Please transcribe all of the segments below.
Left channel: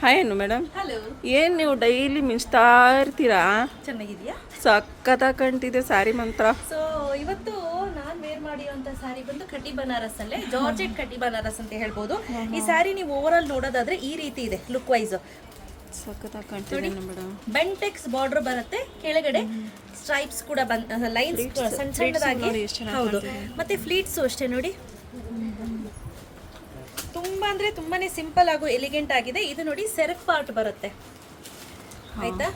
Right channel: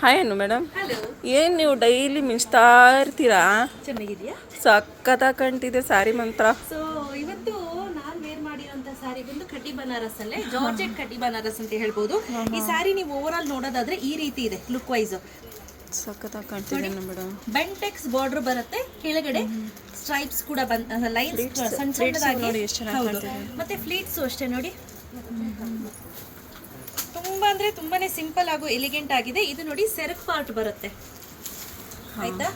Hi ಅನ್ನು madam. Hello. ಏನು ನೀವು ಡೈಲಿ ಮಿಂಚ್ತಾ ಇರ್ತೀರಾ? ಚೆನ್ನಾಗಿದೆಯಾ? ಸಖತ್ತಾಗಿ ಕಾಣ್ತಿದೆ ಸ್ಯಾರಿ ಮಂತ್ರ. ಸೊ ಇವತ್ತು ನಾನು ವೇರ್ ಮಾಡಿರೋಂಥ ಸ್ಯಾರಿ ಬಂದು ಕಟಿ ಬನಾರಸ್ ಅಲ್ಲೇ ಜಾರ್ಜೆಟ್ ಕಟಿ ಬನಾರಸ್ ಅಂತ ಹೇಳ್ಬೋದು. ಈ ಸ್ಯಾರಿ ನೀವು ಓವರ್ ಆಲ್ ನೋಡೋದಾದ್ರೆ ಈ ರೀತಿ ಇದೆ ಲುಕ್ ವೈಸ್. ಸಖತ್ತಾಗಿ ಕಾಣ್ತಿದೆ ಮೇಡಮ್. ಬೆಂಟೆಕ್ಸ್ ಬಾರ್ಡರ್ ಬರುತ್ತೆ, ಕೆಳಗಡೆ ಸ್ಟ್ರೈಪ್ಸ್ ಕೂಡ ಲೈನ್ಸ್ ಸಣ್ಣ ಸಣ್ಣದಾಗಿ, ಮತ್ತೆ ಫ್ಲೀಟ್ಸ್ ಅಷ್ಟೇ ನೋಡಿ. ತುಂಬಾ ಅಂದ್ರೆ ತುಂಬಾನೇ ಸಿಂಪಲ್ ಹಾಗೂ ಎಲಿಗೆಂಟ್ ಆಗಿದೆ. ಇದು ನೋಡಿ ಸೆರಗ್ ಪಾರ್ಟ್ ಬರುತ್ತೆ, ಆಯ್ತಾ,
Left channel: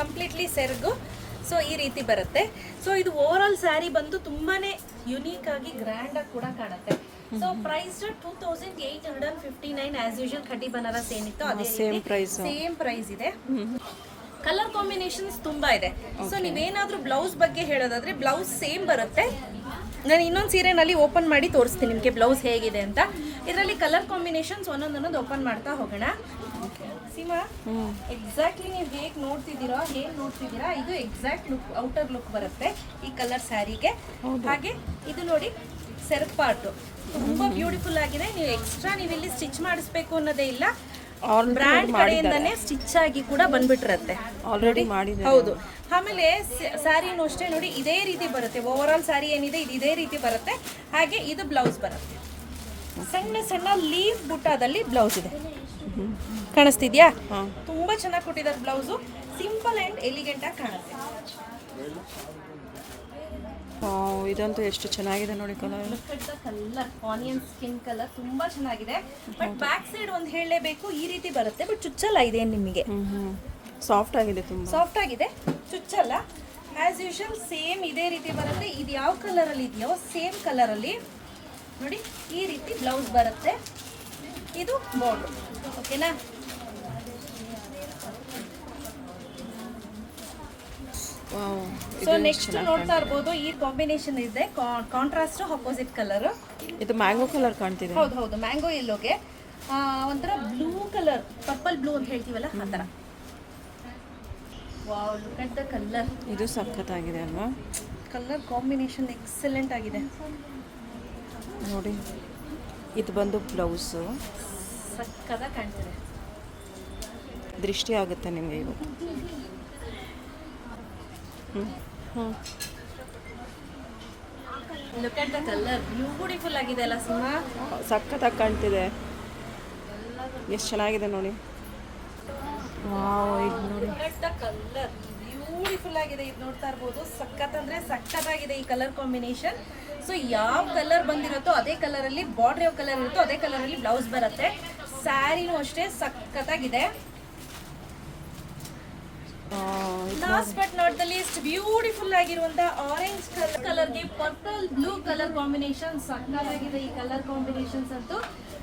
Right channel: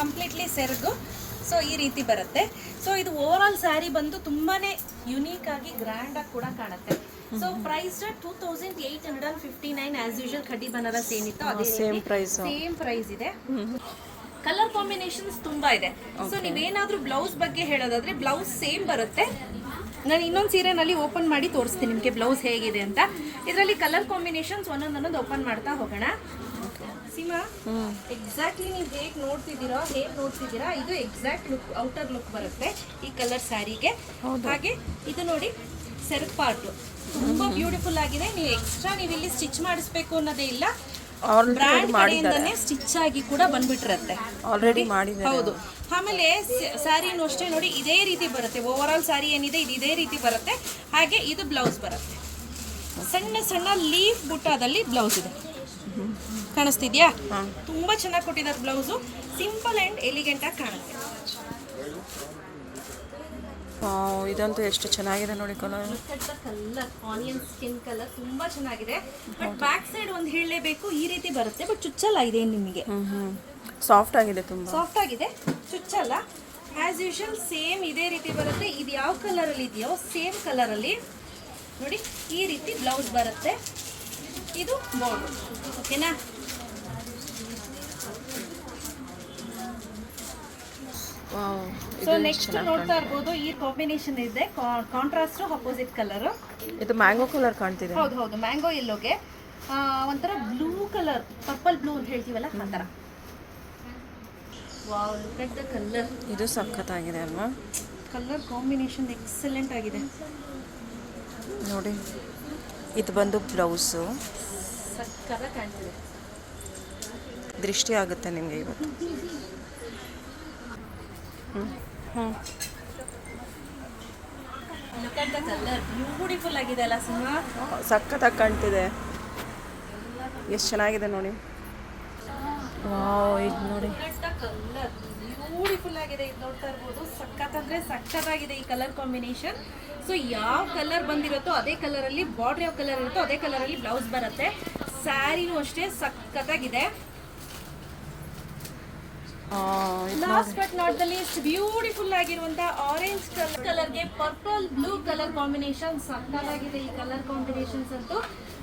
ಕಂಪ್ಲೀಟ್ಲಿ ಸೆರಗು. ಸೊ ಈ ರೀತಿ ಬರುತ್ತೆ. ಸೊ ಇದು ಓವರ್ ಆಲ್ ಸ್ಯಾರಿ ಬಂದು ತುಂಬಾನೇ ಯುನೀಕ್ ಆಗಿ ಗ್ರ್ಯಾಂಡ್ ಆಗಿ ಕೂಡ ಕಾಣುತ್ತೆ. ಸೊ ಪ್ರೈಸ್ 2859 ಆಸ್ ಯೂಶುವಲ್ ಕಟಿ ಬನಾರಸ್ ಏನಿತ್ತು ಅದೇ ಸೇಮ್ ಪ್ರೈಸ್ ಇದೆ. ಕಲರ್ ಕಾಂಬಿನೇಷನ್ಸ್ ತುಂಬಾ ಇದೆ. ಸೊ ನೀವೇನಾದ್ರೂ ಬ್ಲೌಸ್ ಬಗ್ಗೆ ಹೇಳೋದಾದ್ರೆ ಬ್ಲೌಸ್ ಸೇಮ್ ಬರುತ್ತೆ. ನಾನು ಇನ್ನೊಂದು ಸೀರೆನಲ್ಲಿ ಓಪನ್ ಮಾಡಿ ತೋರಿಸ್ತೀನಿ ನಿಮಗೆ ಬ್ಲೌಸ್ ಹೇಗಿದೆ ಅಂತ. ಇದರಲ್ಲಿ ಕಲರ್ ಕಾಂಬಿನೇಷನ್ಸ್ ಒಂದೊಂದೊಂದು ಓಪನ್ ಮಾಡ್ತಾ ಹೋಗೋಣ. ಸೀಮಾ, ಎಕ್ಸಾಕ್ಟ್ಲಿ ನೀವು ಹೇಗೆ ನೋಡ್ತಿದ್ದೀರಾ ಇದು ಎಕ್ಸಾಕ್ಟ್ ಲುಕ್, ಔಟರ್ ಲುಕ್ ಬರುತ್ತೆ ಈ ಕಲರ್ ಸ್ಯಾರಿಗೆ. ಹಾಗೆ ಇದು ನೋಡಿ ಸೆರಗ್ ಪಾರ್ಟ್ ತುಂಬಾ ಬ್ಯೂಟಿಫುಲ್ ಆಗಿದೆ. ನೀವು ಎಕ್ಸ್ಟ್ರಾ ನೀವು ಇಲ್ಲಿ ಸ್ಟಿಚ್ ಮಾಡಿಸ್ಬೇಕು ಅನ್ನೋದೇ ಇಲ್ಲ, ಬ್ರ್ಯಾಂಡ್ ಕಡೆಯಿಂದನೇ ಸ್ಟಿಚ್ ಆಗಿ ಕೂಡ ಬಂದ್ಬಿಟ್ಟಿರುತ್ತೆ. ಆಲ್ರೆಡಿ ಮಾಡಿದ್ದಾರೆ. ಹೌದು. ಆಮೇಲೆ ಸ್ಯಾರಿನೂ ಅಷ್ಟೇ ನೋಡಿ ಇದೇ ರೀತಿ ಬರುತ್ತೆ. ಓವರ್ ಆಲ್ ಸ್ಯಾರಿ ಏನಿದೆ ಇದು ಇದೇ ರೀತಿ ಬರುತ್ತೆ. ಹಾಗೆ ಇದು ಬ್ಲೌಸ್ ಬರುತ್ತೆ, ಸಣ್ಣ ಸಣ್ಣ ಲೀಫ್ ಬುಟ್ಟಾದಲ್ಲಿ ಬ್ಲೌಸ್ ಇದೆ. ಕಾಣಿಸ್ತಿದ್ಯಾ? ತುಂಬಾ ಚೆನ್ನಾಗಿ ಕೊಟ್ಟಿದ್ದಾರೆ ಬ್ಲೌಸು. ಸಿಂಪಲ್ ಅಂಡ್ ಎಲಿಗೆಂಟ್ ಆಗಿ ಕಾಣುತ್ತೆ. ಇದಂತೂ ಎಷ್ಟು ಚೆನ್ನಾಗಿದೆ ನೋಡಿ colour. Colour onion skin colour ತುಂಬಾ ಚೆನ್ನಾಗಿದೆ. ಬಟ್ ಬ್ಯಾಕ್ ಸೈಡ್ ಒಂದು ಹೇಳಲೇಬೇಕು, ಈ ರೀತಿ ಬರುತ್ತೆ. ಬಟ್ ಚುಚ್ಚಲ್ಲ ಇದೆ ನಿಮಗೆ. ಸಾಫ್ಟ್ ಆಗಿದೆ, ತುಂಬಾ ಸಾಫ್ಟ್ ಆಗಿದೆ, ಚುಚ್ಚಲ್ಲ. ಆಸ್ ಯೂಶುವಲ್ ಸೇಮ್ ಇದೇ ರೀತಿ ಬರುತ್ತೆ. ಇದು ಯಾವ ಕಲರ್ ಅಲ್ಲಿ ಇದೆಯೋ ಸೇಮ್ ಕಲರ್ ಅಲ್ಲಿ ನೋಡಿ ಈ ರೀತಿ ಬ್ಲೌಸ್ ಬರುತ್ತೆ. ಇದು ಬಾರ್ಡರ್, ಓಕೆನಾ? ಸೊ ನೆಕ್ಸ್ಟ್ ನೋಡ್ತಾ ಇರ್ಬೋದು, ಈ ಕಾಂಬಿನೇಷನ್ ಇದೆ ಕಾಂಟ್ರಾಸ್ಟ್ ಅಪೋಸಿಟ್ ಕಲರ್. ಇದು ಮ್ಯಾಂಗೋ ಕಲರ್ ಕಾಣ್ತಿದೆ. ಹೌದು, ಮ್ಯಾಂಗೋ ಎಲ್ಲೋಗೆ ಒಂಥರ ಬ್ಲೂ ಕಲರ್, ಪರ್ಪಲ್ ಬ್ಲೂ ಅಂತ ಹೇಳ್ತೀವಲ್ಲ ಆ ಥರ. Wow, look at the colour. ಇದು ಸಖತ್ತಾಗಿದೆ ಅಲ್ವಾ? ಕಲರ್ ಕಾಂಬಿನೇಷನ್ ಎಕ್ಸಲೆಂಟ್ ಆಗಿದೆ ನೋಡಿ. ಇದು ಬಂದು ಬ್ಲೌಸು, ಸಕ್ಕತ್ತಾಗಿ ಕಾಣ್ತಿದೆ. ದೃಷ್ಟಿ ಆಗುತ್ತೆ ನಿಮಗೆ ಇವತ್ತು. Look at the colour, beautiful ಆಗಿದೆ ಅಲ್ಲ ಸಿನಿಮಾ? ಸಖತ್ತಾಗಿ ಕಾಣ್ತಿದೆ. ಎಷ್ಟು ಚೆನ್ನಾಗಿದೆ ನೋಡಿ. ವಾವ್, ಇದು ನೋಡಿ ಕಲರ್ ಬ್ಯೂಟಿಫುಲ್ ಆಗಿದೆ. ಇದು ನೋಡ್ತಾ ಇರ್ಬೋದು, ಸಖತ್ ಅಂದ್ರೆ ಸಖತ್ತಾಗಿದೆ ಈ ಕಲರ್ ಕಾಂಬಿನೇಷನ್. ಸೊ ಯಾವ ಕಲರ್ ಬಂದಿರುತ್ತೋ ಅದೇ ಕಲರಲ್ಲಿ ಬಾರ್ಡರ್, ಯಾವ ಕಲರ್ ಇರುತ್ತೋ ಅದೇ ಕಲರಲ್ಲಿ ಬ್ಲೌಸ್ ಬರುತ್ತೆ. ಸ್ಯಾರಿನೂ ಅಷ್ಟೇ ಸಖತ್ತಾಗಿದೆ. Last but not the least, beautiful ಆಗಿರುವಂತ ಆರೆಂಜ್ ಕಲರ್ಗೆ ಪರ್ಪಲ್ ಬ್ಲೂ ಕಲರ್ ಕಾಂಬಿನೇಷನ್ ಸಖತ್ತಾಗಿದೆ ಈ ಕಲರ್ ಕಾಂಬಿನೇಷನ್ಸ್ ಅಂತೂ.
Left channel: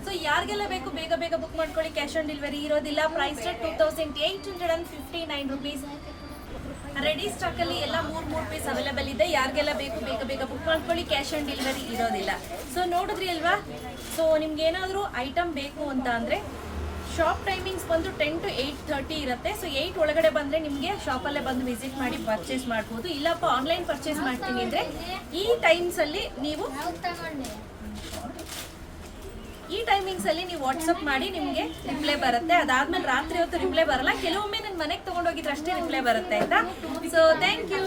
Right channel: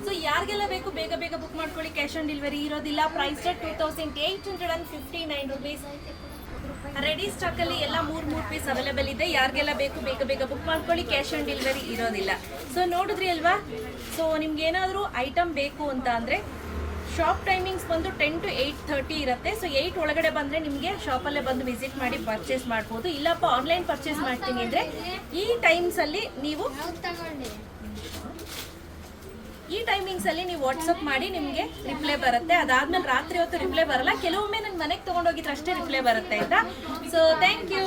ಸೊ ಯಾರಿಗೆಲ್ಲ ಬೇಕು ಬೇಗ ಬೇಗ ಬುಕ್ ಮಾಡ್ಕೊಳ್ಳಿ. ಕ್ಯಾಶ್ ಆನ್ ಡೆಲಿವರಿ ಇರೋದಿಲ್ಲ. Price 2859 rupees. ರೆಡಿ ಸ್ಟಾಕ್ ಅಲ್ಲಿ ಎಲ್ಲ 3 ಪೀಸ್ ಅವೈಲೇಬಲ್ ಇದೆ. ಯಾರಿಗೆಲ್ಲ ಬೇಕು ಬೇಗ ಬೇಗ ಬುಕ್ ಮಾಡ್ಕೊಳ್ಳಿ. ಕ್ಯಾಶ್ ಆನ್ ಡೆಲಿವರಿ ಇರೋದಿಲ್ಲ. ಸೊ ನೋಡಿದ್ರಿ ಅಲ್ವಾ? ಸೊ ನಿಮ್ಗೆ ಏನಾದರೂ ಐಟಮ್ ಬೇಕು ಅಂತ ಅಂದ್ರೆ ಶಾಪ್ ಟೈಮಿಂಗ್ಸ್ ಬಂದು 10 to 8:30 ಇರುತ್ತೆ. ಸೊ 8 ಒಳಗಡೆ ಬಂದರೆ ನಿಮಗೆ ಶಾಪಲ್ಲೇ ಬಂದು ವಿಸಿಟ್ ಮಾಡಿ ಪರ್ಚೇಸ್ ಮಾಡ್ಬೋದು. ಇಲ್ಲಪ್ಪ ಆನ್ಲೈನ್ ಪರ್ಚೇಸ್ ಮಾಡ್ತೀನಿ ಅಂದರೆ ಈ ಟೈಮಿಂಗ್ಸಲ್ಲಿ ನೀವು ವಾಟ್ಸಪ್ ಮಾಡಿ, ನಿಮಗೆ ರಿಪ್ಲೈ ಬರುತ್ತೆ. ಅದಾದ್ಮೇಲೆ ರಾತ್ರಿ ಹೊತ್ತು ರಿಪ್ಲೈ ಬರಲ್ಲ. ಕೆಲವೊಮ್ಮೆ ನನ್ನ ಮನೆಗೆ ತೊಗೊಂಡೋಗಿದ್ರೆ ಅಷ್ಟೇ ರಿಪ್ಲೈ ಬರುತ್ತೆ, ಆಯಿತಾ? So thank you.